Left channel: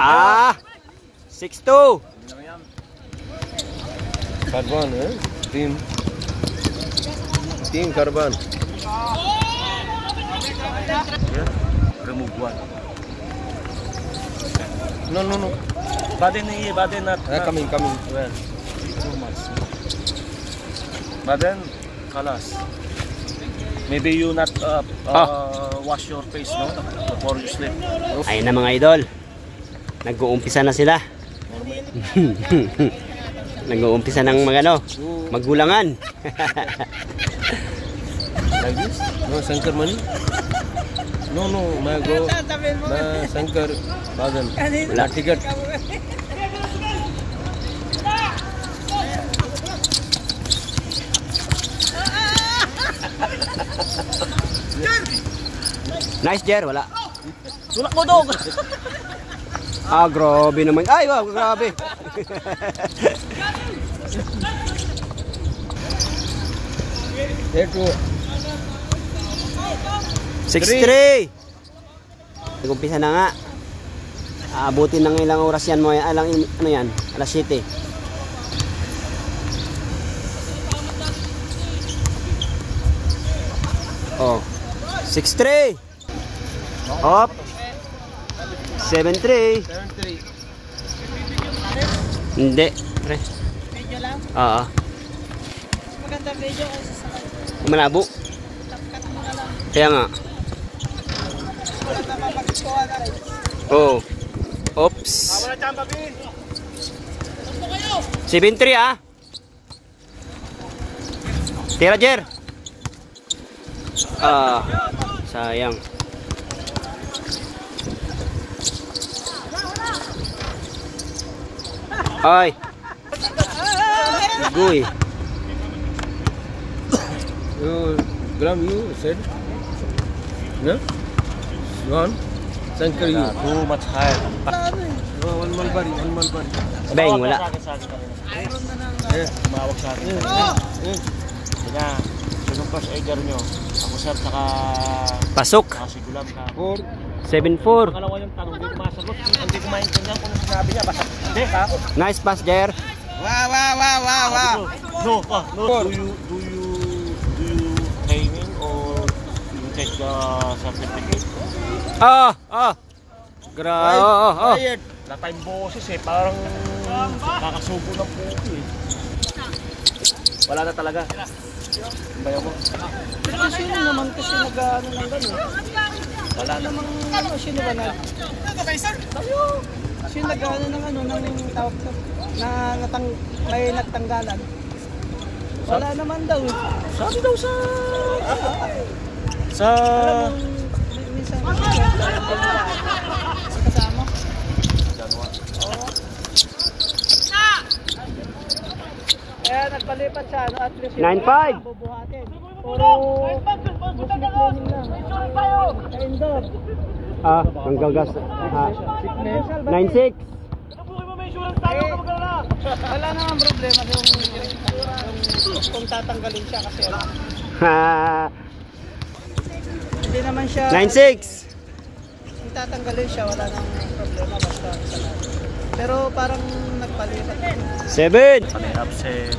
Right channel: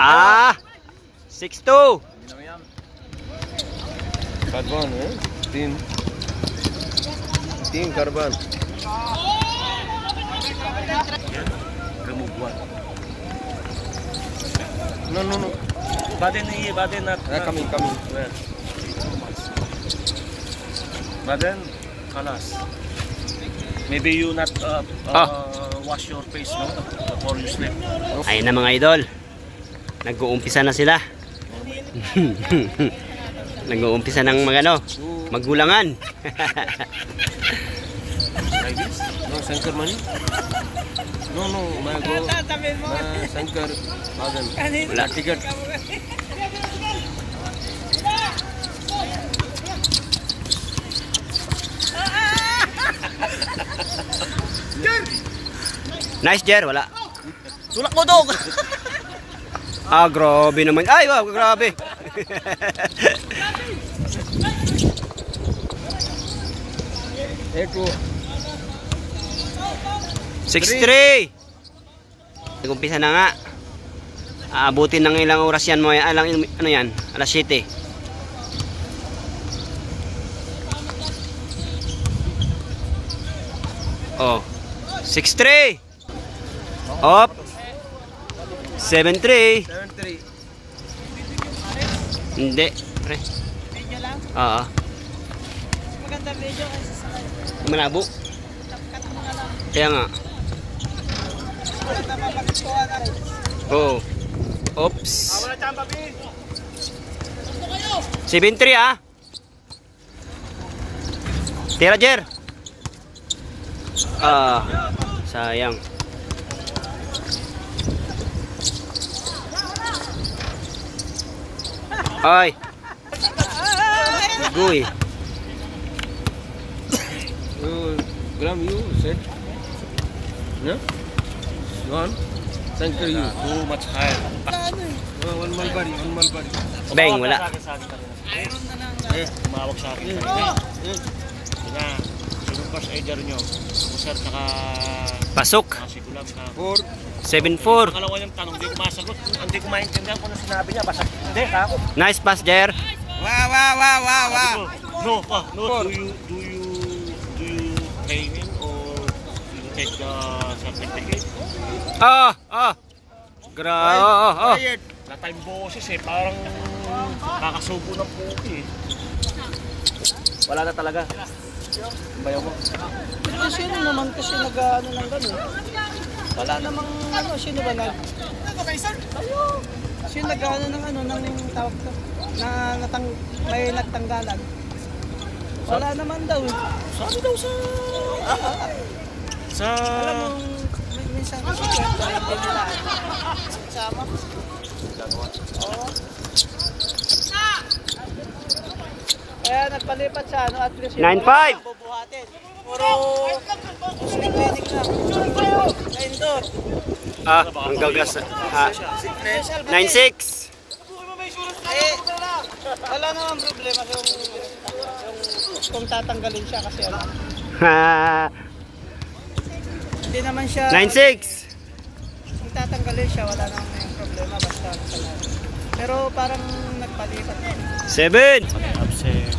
6-2. Karban, तीन karban. No. Baden na. Coming. Yeah. So much. Baden, kalas. Maybe you not wash your face before you sleep. Ayun na mga idol. Nag-uumpisa na sila. Nag-uumpisa ng maggulangan. Like this? No, Shankar money? No, Shankar Badan. Wala. Ticket. Nice, Jer. Wala. Tulak mo dog. Grabe naman. Ay, wow, grabe. Ito. 6-3. Nag-umpisa na nga. Abutin ng ilang oras yan mo. Ano yan? Alas 7. Oh. 6-3. Up. 7-3. Hindi. Pre. Medyo lang? Oo. Maganda medyo. Malabo. Kaya nga. Oh. Oops. 7-3 Tira, Jer. Sayang. Ay. Guy. Gram you said? No? One? Shankar you. Too much high. One Mulberry. Bang, wala. Tumawag sa akin. Diba? Sino first aider nyo? Ako sir, saka... Pasok. Masigulat ka. 7-4. Kalawa yung tanong, hindi ko masagot. Hindi ko maintindihan kung ano sinabi niya. Basta, hindi, ako. Nice pass, Jer. Wow. No. Do you training or do you take the certificate? Grabe. Wala tayong boses parang kakasubo ng puki Wala na talaga. Bayaw mo. Pero sino naman kasi nag-ano lang ganyan? Wala namang sino ba na? Sino nag-ano ng tawag to? May nagtanggalan. Wala naman daw. Sabi daw sa alam mo, minsan kasi pinilaan. Kasama. Kaya nagpalipat siya, at least 9-5. bubuhatin. Puro muslim training lang. Sa indoor. Ang gagas. 9-6. Wala naman problema kung tatanggalin siya kasi hindi naman siya 9-6. kung tatanggalin siya wala namang problema basta pero parang nagpalikat 7. absent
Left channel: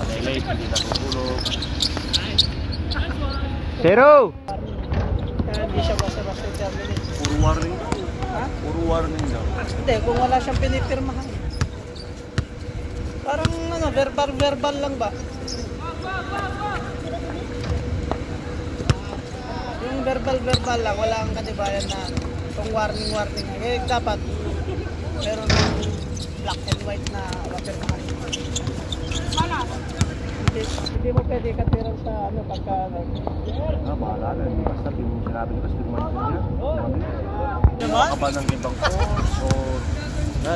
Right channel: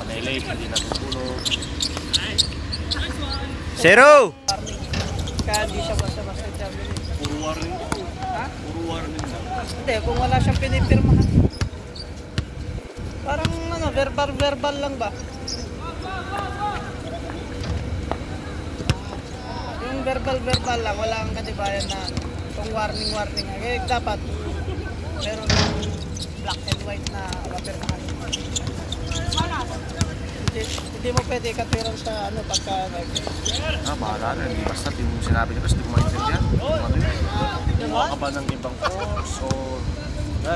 palelay hindi natutulog 0. kaya hindi siya basta-basta i-terminate. Puro warning. Puro warning na. Hindi, kung wala siyang pinipirmahan. Parang verbal lang ba? Yung verbal lang, wala kang katibayan na kung warning. Dapat meron ng black and white na mapirmahan. Hindi mo pwede katwiran sa pagka Basta di mo sinabi niya kasi di mo maintindihan. diba? Ka ba ng ibang course or...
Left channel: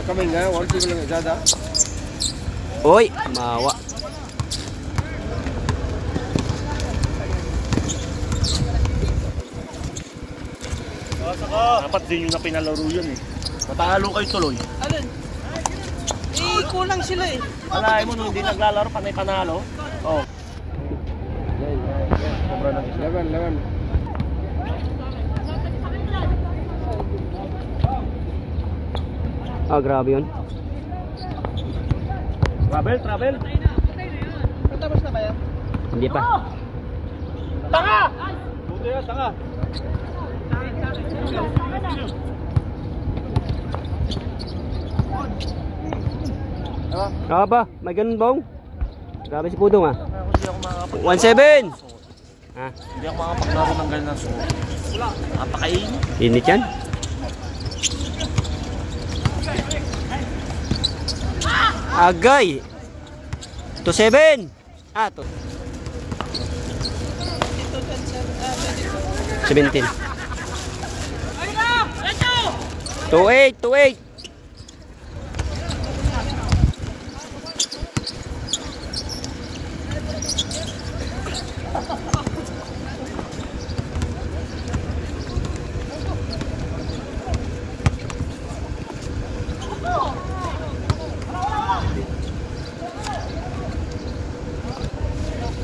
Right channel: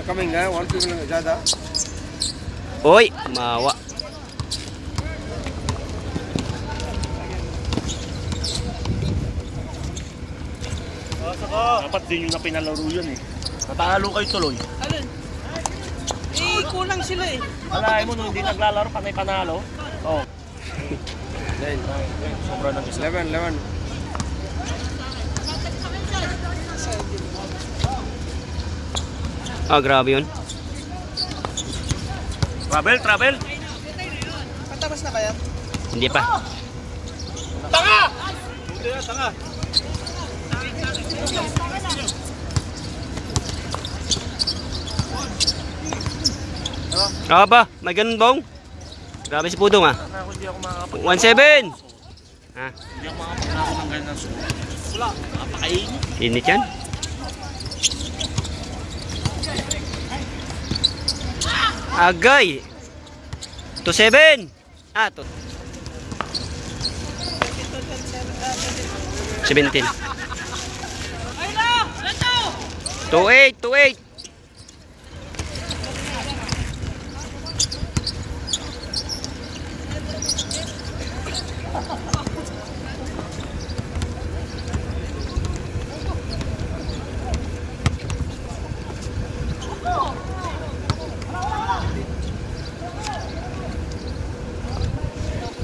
Coming nga, 1 people lang jada. Oy, mawa. Dapat din yun na pinalaro yun Natalo kayo tuloy. Alin? Kulang sila Alay mo nung hindi naglalaro, panay panalo. Oh. Sobra ng isa. 11. Ah, grabe yun. Travel. Patapos na kaya? Hindi pa. Tanga! Hindi na, tanga. Ah ba? May ganun bang? Grabe si Pudong ah. Ako hindi ako makakapag... 1-7! Ha? Hindi ako makapaglaro ng ganyan suot. Napakainit. Init yan? Agay! 2-7! Ah, 17. 2-8!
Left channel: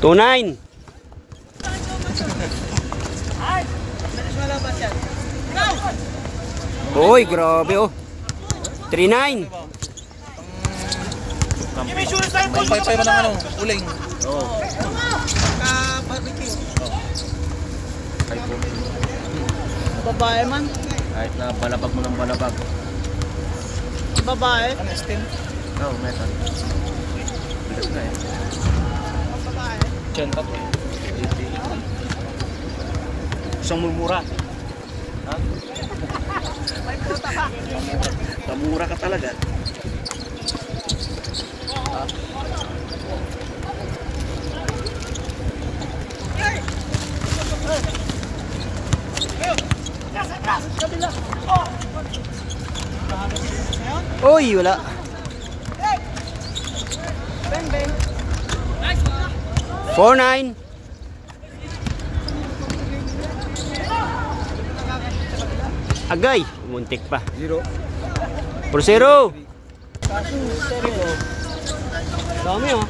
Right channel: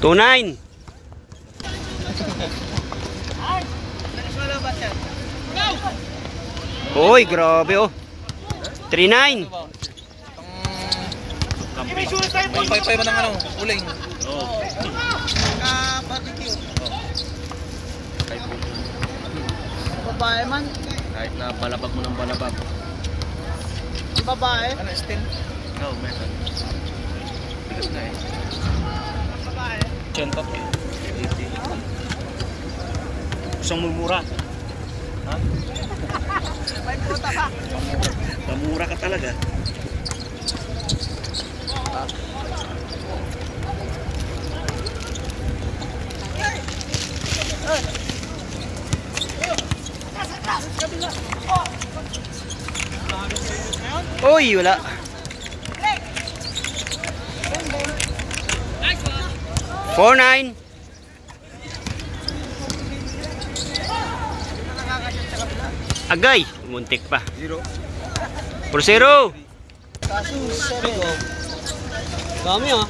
Tunay. Uy, grabe oh. 3-9. Pampay-pay mo ng ano, uling. Oo. Babae man. Kahit na balabag mo ng balabag. Babae. Ano, stem? Oo, meron. Bigat na eh. Diyan pa po. Isang mumura. Ha? May puta ka. Pamura ka talaga. Ha? Uy, wala. Bang, bang. 4-9. Agay, muntik pa. 0. 4-0. Kaso, sorry ko. Dami ah.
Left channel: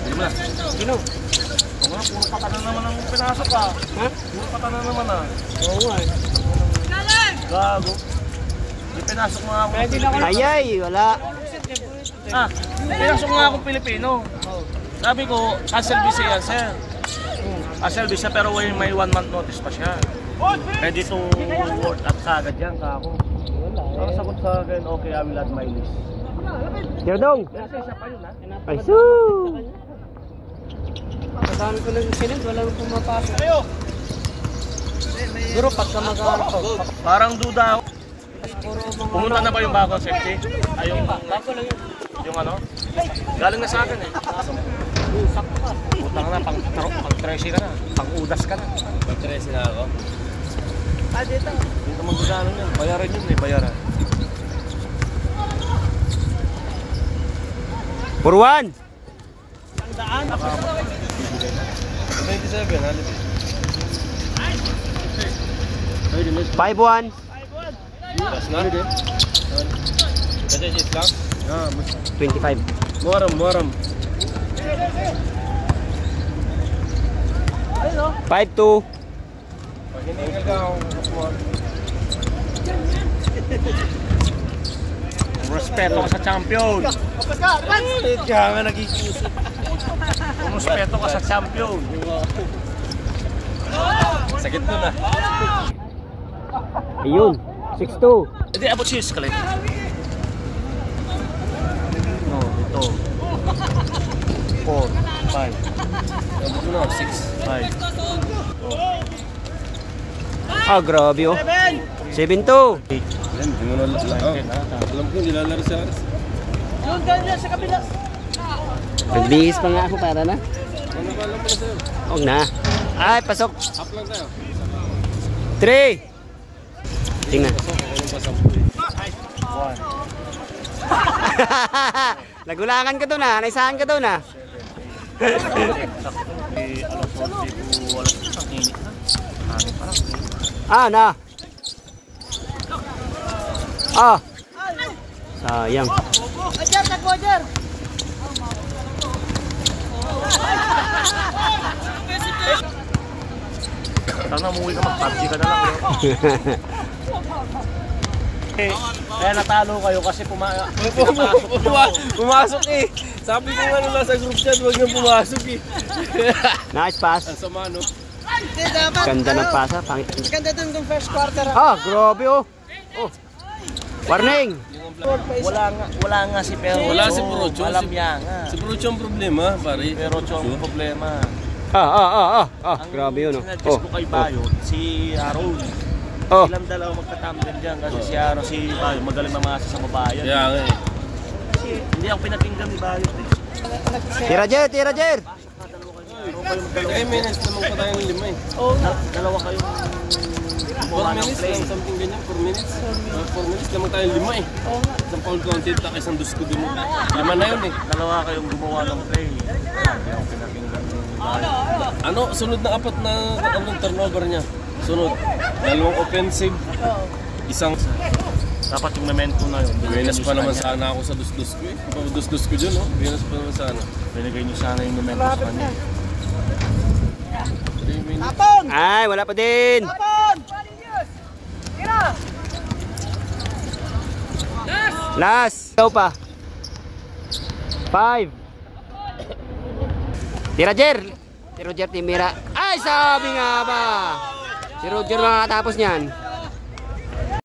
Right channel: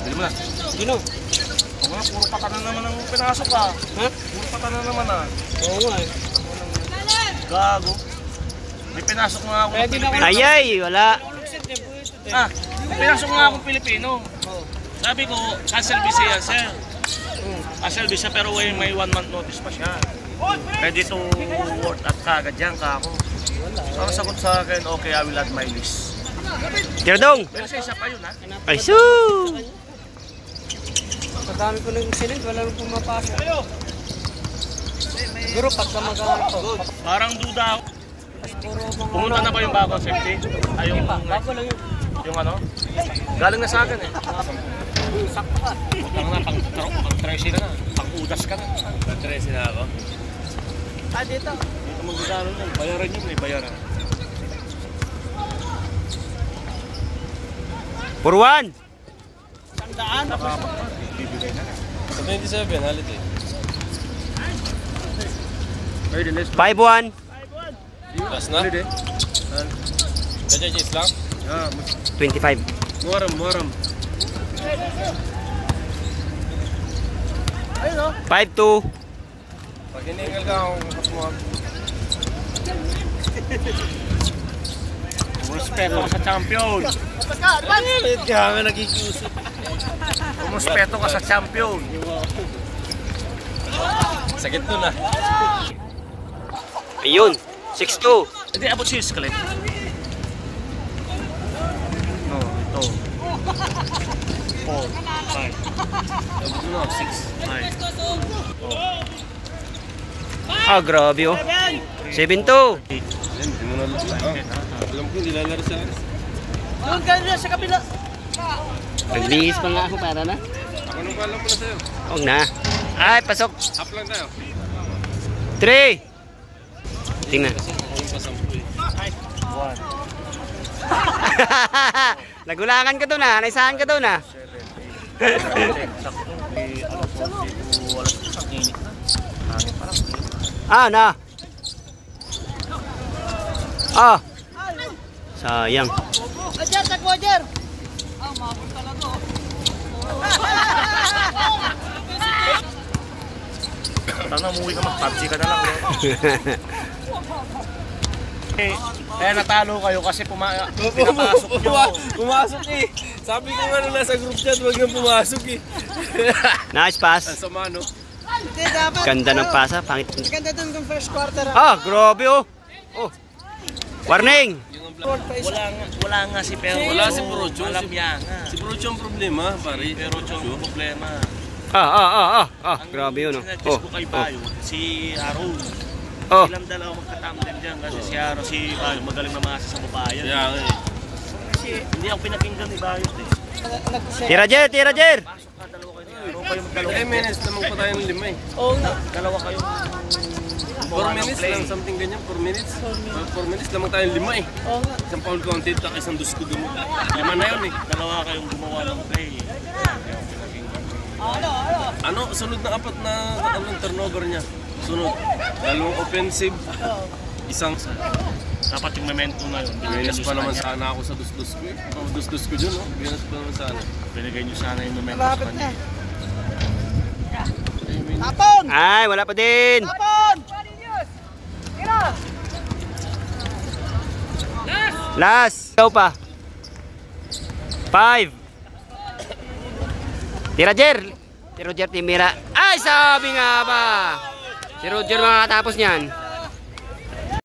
Dali mo na. Sino? Puro patanan naman ang pinasok ah. Ha? Puro patanan naman ah. Oo nga eh. Gago. Di pinasok nga ako. Pwede na ako. Ayay, wala. Ah, pinasok nga akong Pilipino. Sabi ko, cancel visa yan, sir. Cancel visa pero may 1 month notice pa siya. Pwede to work at kagad yan, kako. Ang sagot sa akin, okay, I will add my list. Tiradong. Pero sa isa pa yun, ha? Ay, suu. Madami ko nang sinend, wala nang pumapasok. Siguro pagka mag-ano. Parang duda ako. Puro mga Pumunta na ba yung bagong safety? Ay, yung, bago lang yun. yung ano? Galing na sa akin eh. Sakto ka. Putang na, pang-13 ka na. Pang-udas ka na. Pang-13 na ako. Ah, dito. Dito magdadaanan yun. Bayaran yun eh, bayaran. 4-1. Isang daan. 27, holiday. 5-1. Bukas na? Holiday. Kaya cheese lang? 25. Muaram. 5-2. Pag hiningal ka akong kapuha. Muspeto ka sa champion. Kaya nga nagkikiusap. Muspeto ka sa champion. Sakit nun ah. Ayun. 6-2. Hindi, abot si Scalet. No, ito. 4, 5. 6, 5. Oh. Ah, grabe oh. 7-2. Alam ko, nilalaro sa akin. Doon ka na sa kabila. Nagbihis pa nga ako para na. Ako nang alam pala sa'yo. Huwag na. Ay, pasok. Half lang tayo. 3. Tingnan. 1. Nagulangan ka doon ah. Naisahan ka doon ah. 10. Sakto. Alas 11 to alas 1 init na. Hangin pa lang. Ah, na. Ah. Sayang. Ajar, tako ajar. Tana, umuwi ka mag-PUBG ka na lang. Kaya natalo kayo kasi pumasok nyo. Pumasok eh. Sabi ko nga nila sa group chat, huwag nang pumasok eh. Nice pass. Sama no? Hindi, dapat. Ganda ng pasa. Pangit. Ganda dun yung first quarter. Grabe oh. Oh. Warning. Wala nga si Pero. Wala si Procho. Alam niya nga. Si Procho ang problema, pare. Pero yung problema. Grabe yun oh. Ang ko kay Bayo, si Aaron. Oh. Ilang dalawa magka-tandem dyan kasi si Aaron, si Bayo magaling mamasa sa babayan. Kaya nga eh. Kasi hindi ako pinakinggan ni Bayo. Tira Jer. 3 minutes naman pa tayo ng 5 eh. Dalawa kayong 4 minutes lang, something ganyan, 4 minutes. 4 minutes naman tayo 5 eh. Isang foul counted, tak isang dusko din mo. 5 na yun eh. Dalawa kayong gumawa ng play. Ano, sunod na 4 na ang turnover niya. Sunod, 2 offensive, isang... Dapat yung momentum na yun. Binas pa naman sana ako sa dus-dus ko eh. Dus-dus ko dyan, no? Binas pa naman sana. Binigay niyo sana yung momentum. Malapit na. 3 minutes. Tapon! Ay, wala pa din. Tapon! Last. Ikaw pa. 5. Tira Jer Timira. Ay, sabi nga ba. Si Roger makakatapos niyan.